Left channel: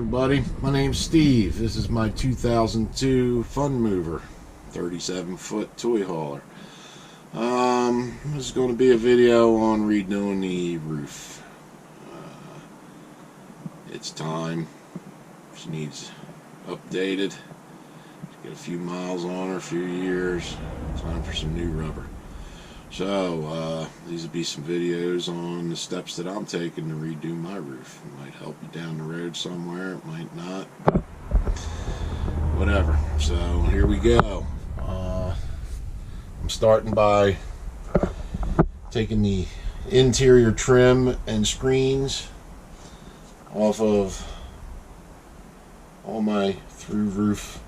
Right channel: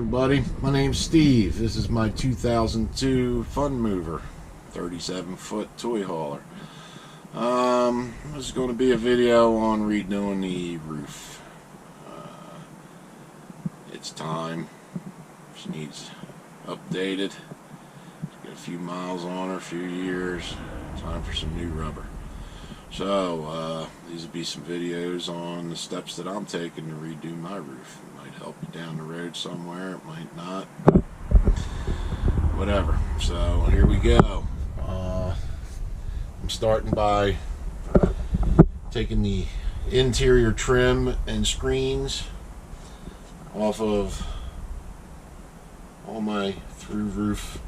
everybody, my name's Steve. This is my 2002 Fun Mover 37-foot toy hauler. This is going to be a video on redoing the roof. It's time. She needs updated. She's got a few miles on her, a few years. Time for some new rubber. So these would be some videos on the steps that I'm taking to redo my roof. It might help you down the road somewhere, it might not, whatever. So here we go. I'm starting by taking the interior trim and screens off of all my through roof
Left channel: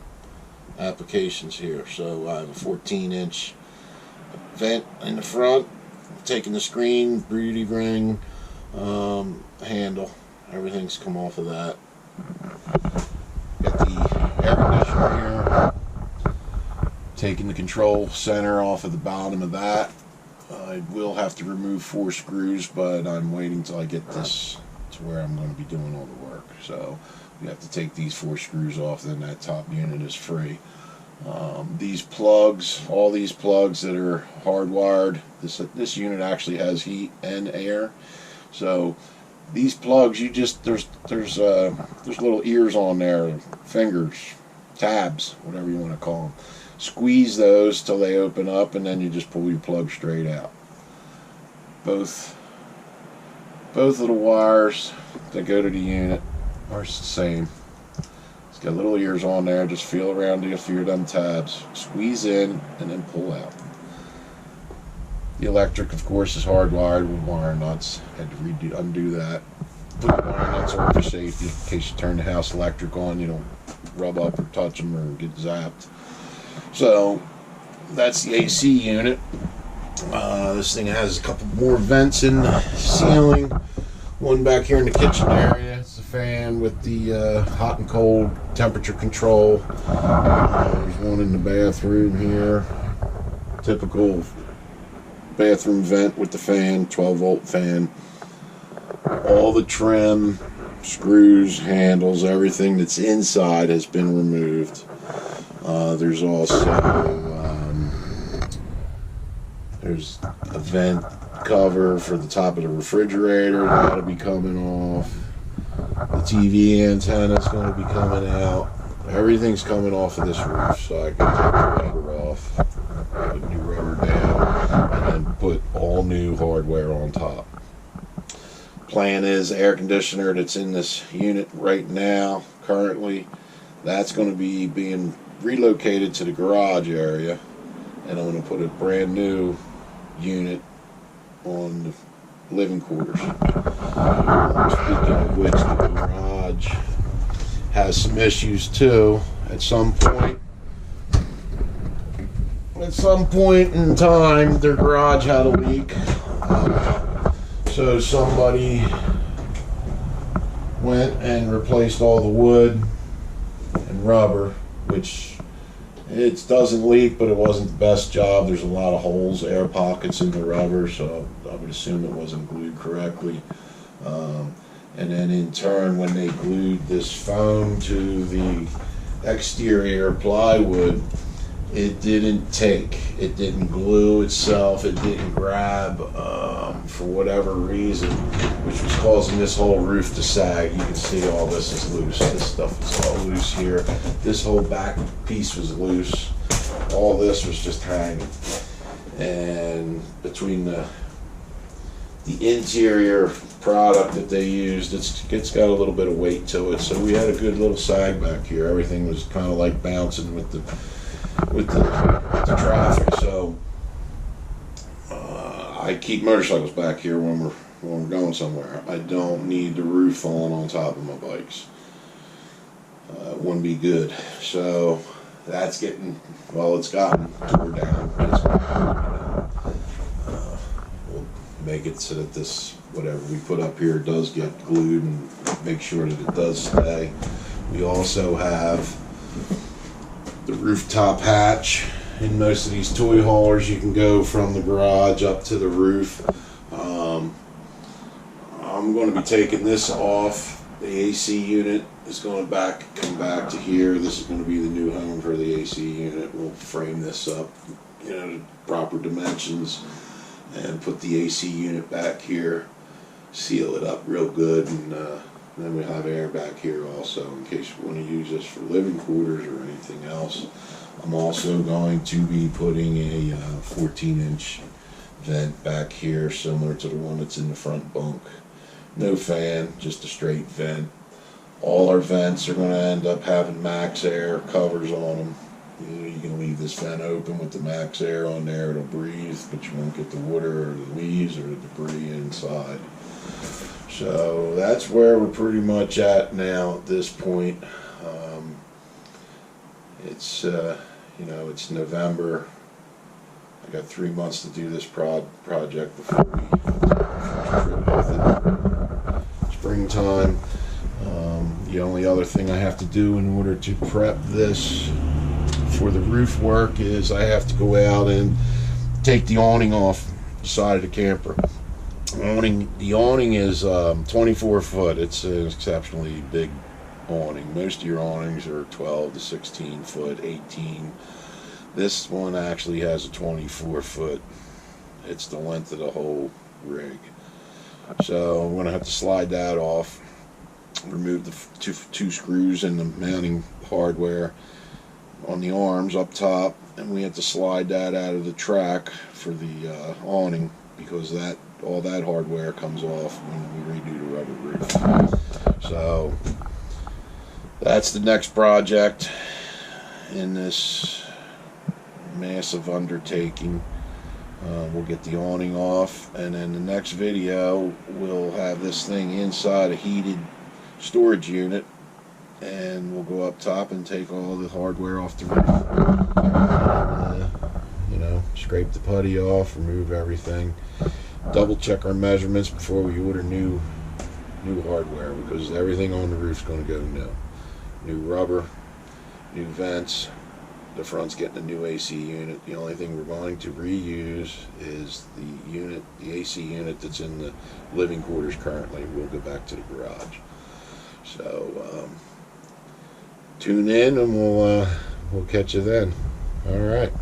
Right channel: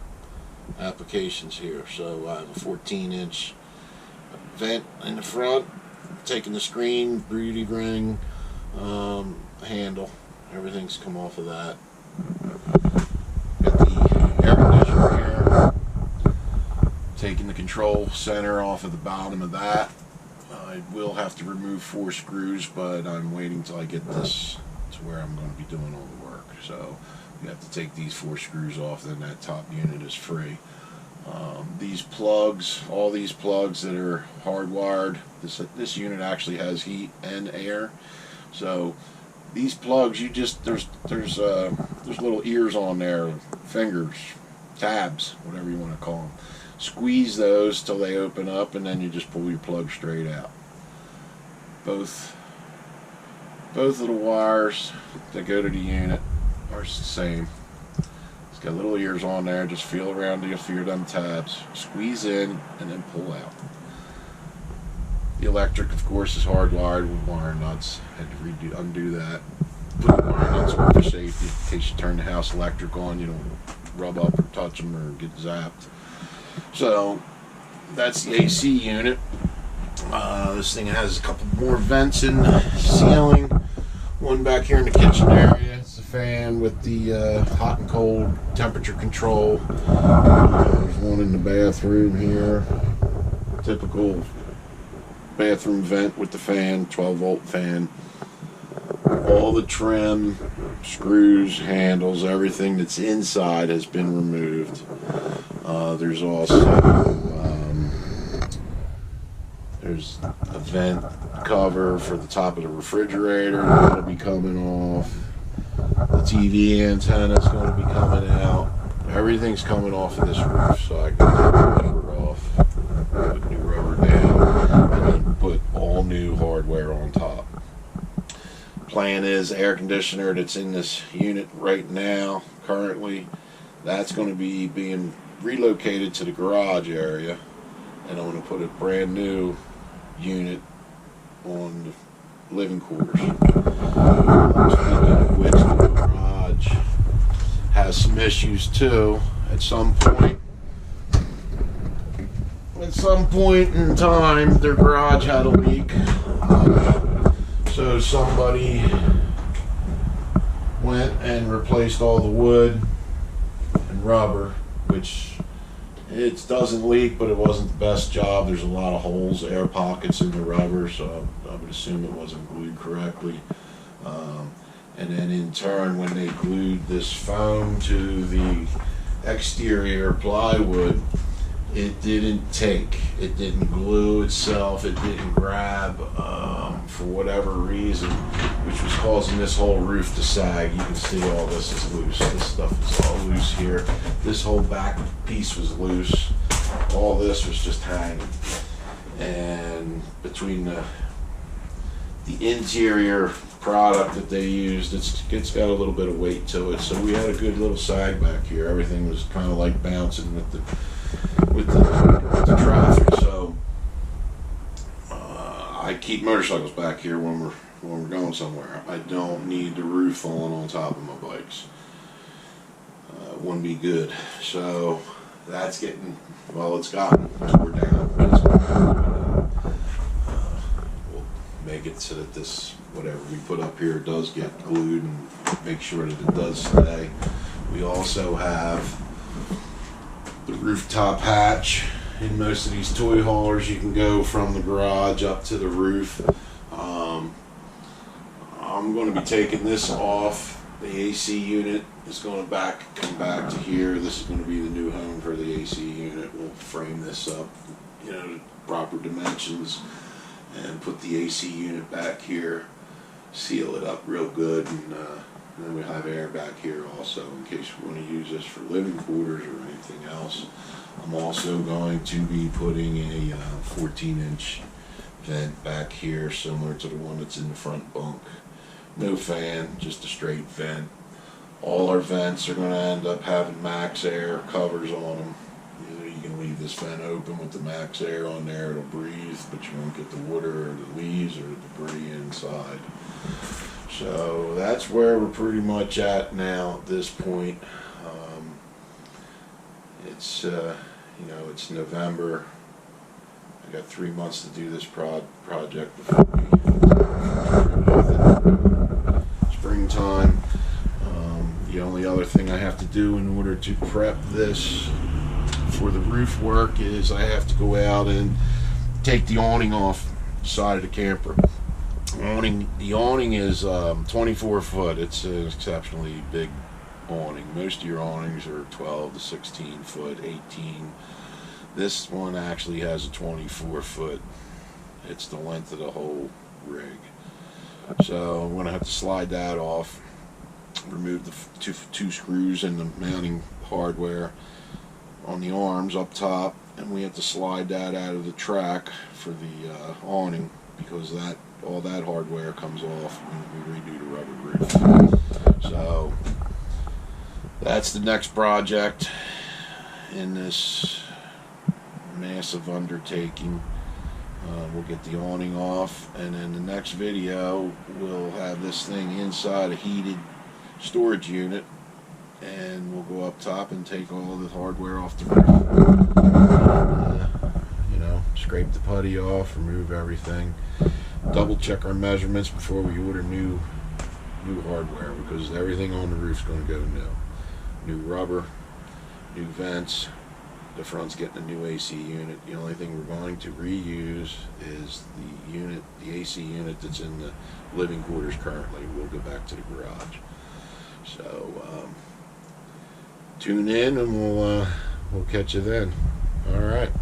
applications here. So I have a 14-inch vent in the front, taking the screen, beauty ring, handle, everything's come off of that. Got the air conditioner here, taking the control center off of the bottom of that. I will have to remove 4 screws, but I'm waiting till I get this to where I'm going to be doing all the work. So you have to take these 4 screws off, then that top unit is free. These plugs, all these plugs that are hardwired, this unit actually has heat and air. So these plugs, you just there's little ears on there, fingers, tabs, whatever you want to call them. Squeeze those till they open up, and then you just pull your plug straight out. Both of the wires that go to the unit are the same. Got little ears on there. Just feel around a few of them tabs, squeeze in, and then pull out. The electric, of course, is hardwired with wire nuts. Had to undo that. Put the wire nuts on for safety, in case you turn the house electric on, you don't rub up or touch them or get zapped. So that's the AC unit. This thing has a couple more vents in the ceiling. One back here in the kitchen area. It's a fan with the hot and cold temperature control. There's one in the bathroom here. Typical bathroom vent with the fan, 12-volt fan. All the trim, screws, handles, everything that's inside has been removed. There's also there's a vent cover for the top of the refrigerator that'll be coming off. The TV antenna is going to be coming out. Everything's coming off of this roof, so I can take the rubber off, put new rubber down, and then put all new hardware on top. Plan is air conditioner that's in this unit right now, currently, that's going to be being relocated to the garage area, and I'm going to put a brand new unit on the living quarters. Speaking of which, the garage has some issues too. At some point in time, their garage had a leak. So somebody went and replaced all the wood and rubber, which it doesn't leak, but it wasn't the best job. There's a lot of holes, air pockets in the rubber, so I would assume it wasn't glued correctly. And then in turn, when they glued this foam to the exterior plywood, it didn't take. It didn't glue itself. It didn't grab for whatever reason, which was causing this whole roof to sag. You can see all this is loose. This stuff is all loose here. This whole back piece was loose. All this was just hanging. And between the interior product that they used, it's got a little bit of weight to it. So we had a good little sag back here. Everything was kind of like bouncing with the traffic. So I keep motorcycles back here when we're going somewhere. I don't need the roof falling on top of my bikes. It wouldn't be good. So that's getting, well, it's gotten tore down. It's going to be done. We'll make it so that this, whatever we put up here, does get glued and make sure that it does stay. We also have the rooftop hatch. In most of these toy haulers, you can go from the garage up to the roof. I'm going to be taking this off The AC unit is going to come back to here. This is going to be the new home for the AC unit. We'll frame this up, to proper dimensions, and put the AC unit back here, seal it up real good, and then we'll have air back here also in case we want to use this for living quarters or anything else. I'm also going to be putting a 14-inch vent back here, similar to the one that's in the front bunk. No fan, just a straight vent. All our vents are going to end up having max air covers on them. You can leave this vent open with the max air on there, it'll breathe, but you won't get the water or the leaves or the debris inside. So that's where we're pretty much at now at this point. It's it's November. I got 3 months to do this project before we take our first trip with it. Springtime. The only other thing I have to do in order to prep this for the roof work is I have to go out and take the awning off the side of the camper. The awning is 24 foot. It's an exceptionally big awning. Most of your awnings are 12 to 16 foot, 18. This one actually has a 24 foot. It's the length of the whole rig. So I'm going to have to slide that off, remove the two screws and the mounting hardware on the arms up top, and we have to slide that out of the track for the awning, because all that hardware comes off when we redo the rubber roof. So that's the next project in this massive undertaking. We'll get the awning off, and then the next video we'll have this thing inside a heated storage unit, and we'll go up top and take all the hardware off the roof, and scrape the putty off, remove everything, double check our measurements before we order new hardware, because everything on the roof is going to go new rubber, new vents. The front's getting a new AC unit. The only thing we're going to reuse is the AC unit that's in the living quarters currently. We'll go back to the garage. So tune in, and we'll catch you then. All right.